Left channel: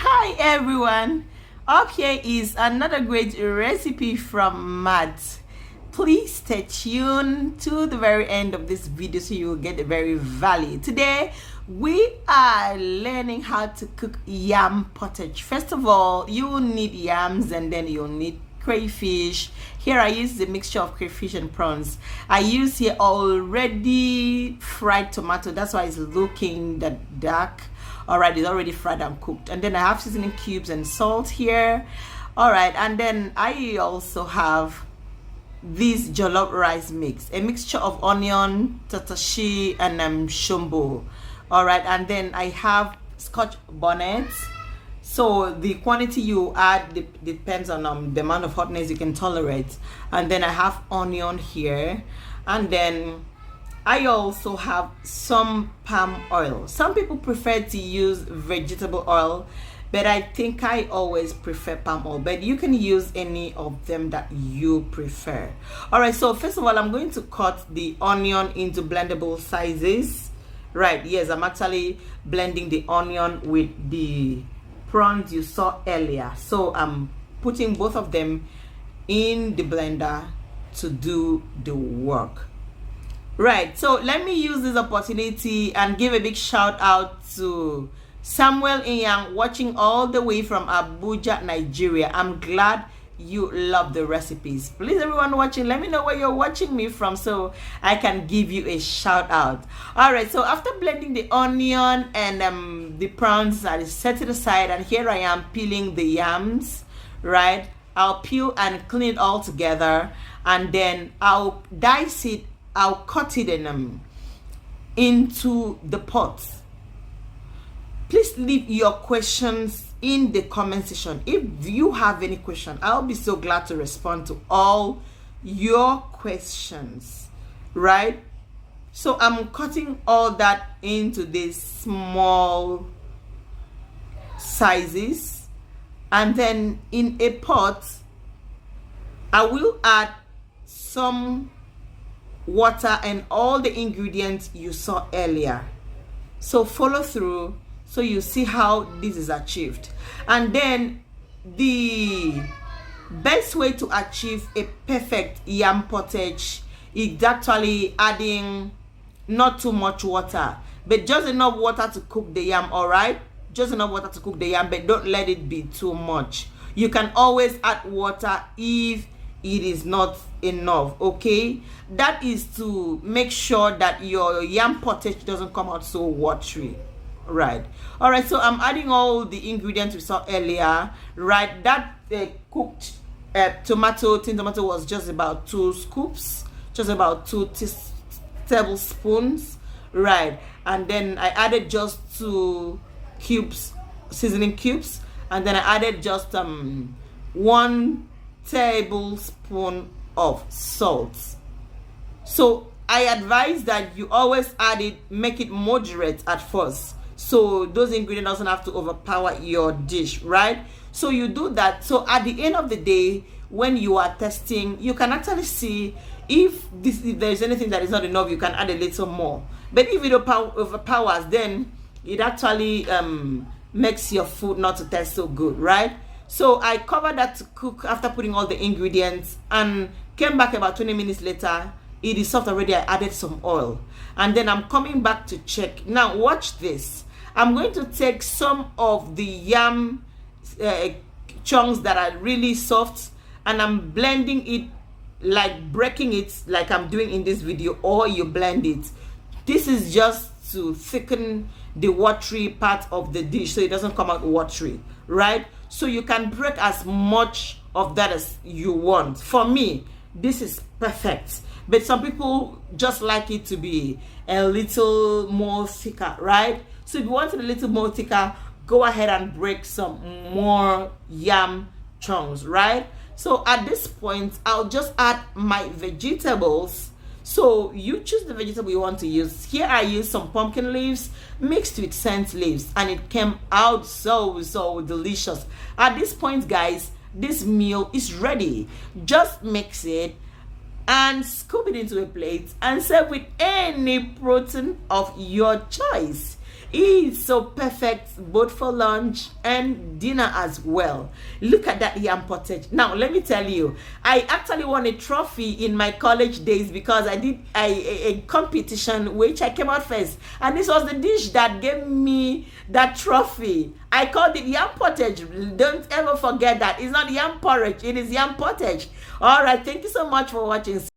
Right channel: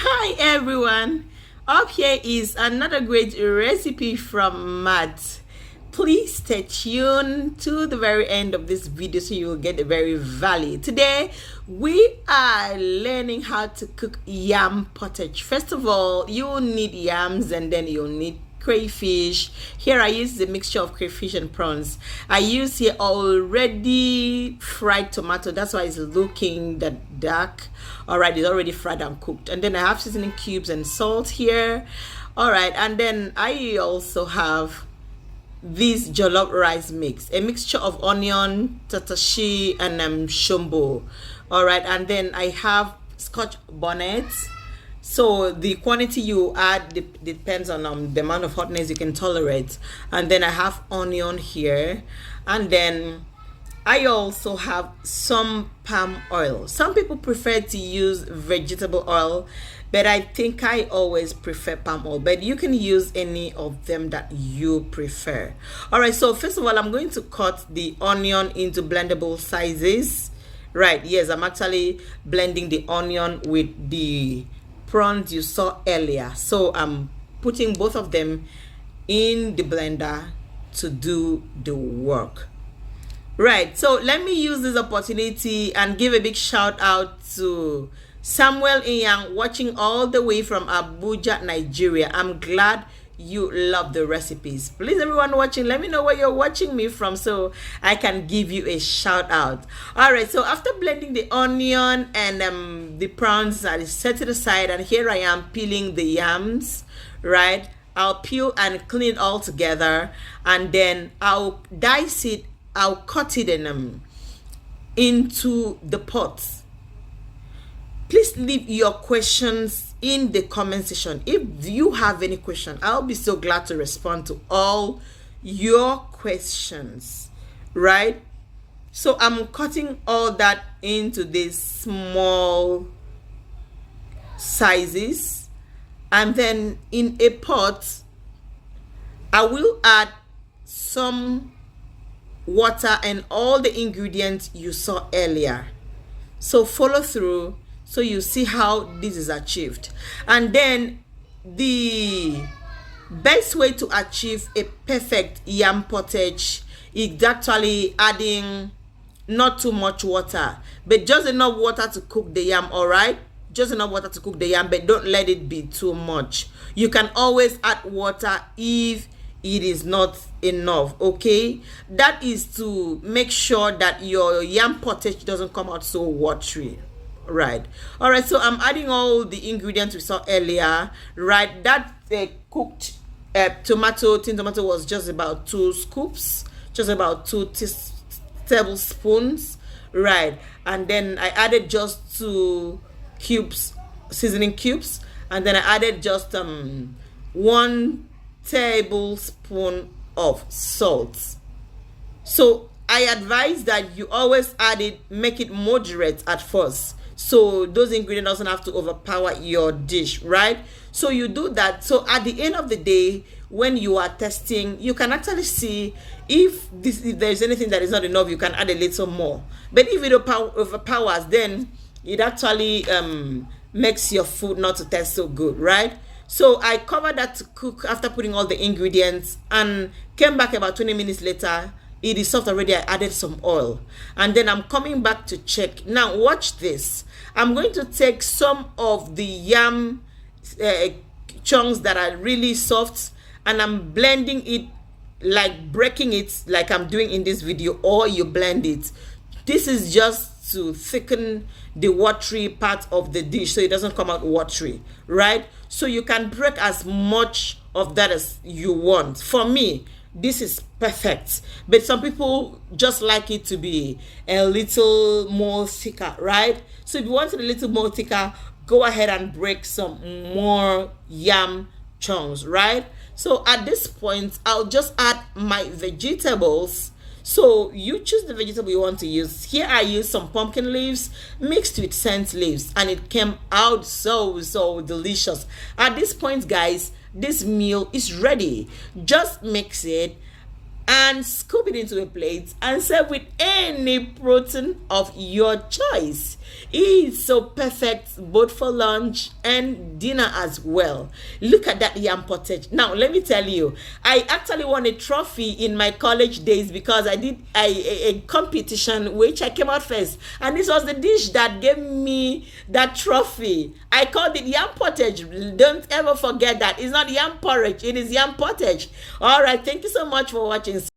Hi everyone, up here is another great recipe from Matt. Please stay tuned to the very end of this video so you will get the very value. Today we are learning how to cook yam pottage. First of all, you will need yams and then you'll need crayfish. Here I use the mixture of crayfish and prawns. I use here already fried tomato, that's why it's looking that dark. All right, it's already fried and cooked. And then I have seasoning cubes and salt here. All right, and then I also have this jollof rice mix, a mixture of onion, tatashi, and shombo. All right, and then I have scotch bonnet. So the quantity you add depends on the amount of hotness you can tolerate. And then I have onion here, and then I also have some palm oil. Some people prefer to use vegetable oil, but I think I always prefer palm oil, but you can use any of them that you prefer. All right, so first of all, I'm going to cut the onion into blendable sizes. Right, yes, I'm actually blending the onion with the prawns you saw earlier. So I'm putting both of them in the blender to do the work. Right, so let me use this opportunity and give a big shout out to Samuel Inyang, watching all the way from Abuja, Nigeria. I'm glad you love the recipes. Please, everyone watching, let me know where you're watching me from so I can give you a shout out. All right, so after blending the onion and the prawns, I set it aside, and here I am peeling the yams. Right, I'll peel and clean it all together, and then I'll dice it. I'll cut it into the pot. Please leave your questions in the comment section. If you have any question, I'll be so glad to respond to all your questions. Right? So I'm cutting all that into these small sizes, and then in a pot I will add some water and all the ingredients you saw earlier. So follow through so you see how this is achieved. And then the best way to achieve a perfect yam pottage is actually adding not too much water, but just enough water to cook the yam. All right, just enough water to cook the yam, but don't let it be too much. You can always add water if it is not enough. Okay, that is to make sure that your yam pottage doesn't come out so watery. Right, all right, so I'm adding all the ingredients we saw earlier. Right, that cooked tin tomato was just about 2 scoops, just about 2 tablespoons. Right, and then I added just 2 cubes, seasoning cubes, and then I added just 1 tablespoon of salt. So I advise that you always add it, make it moderate at first, so those ingredients doesn't have to overpower your dish. Right, so you do that. So at the end of the day, when you are testing, you can actually see if there's anything that is not enough, you can add a little more. But if it overpowers, then it actually makes your food not to taste so good. Right, so I covered that to cook after putting all the ingredients, and came back about 20 minutes later. It is soft already. I added some oil, and then I'm coming back to check. Now watch this. I'm going to take some of the yam chunks that are really soft, and I'm blending it, like breaking it like I'm doing in this video, or you blend it. This is just to thicken the watery part of the dish so it doesn't come out watery. Right, so you can break as much of that as you want. For me, this is perfect, but some people just like it to be a little more thicker. Right, so if you want it a little more thicker, go ahead and break some more yam chunks. Right, so at this point I'll just add my vegetables. So you choose the vegetable you want to use. Here I use some pumpkin leaves mixed with scent leaves, and it came out so delicious. At this point, guys, this meal is ready. Just mix it and scoop it into a plate and serve with any protein of your choice. It's so perfect both for lunch and dinner as well. Look at that yam pottage. Now, let me tell you, I actually won a trophy in my college days because I did a competition which I came out first. And this was the dish that gave me that trophy. I called it yam pottage. Don't ever forget that. It's not yam porridge, it is yam pottage. All right, thank you so much for watching.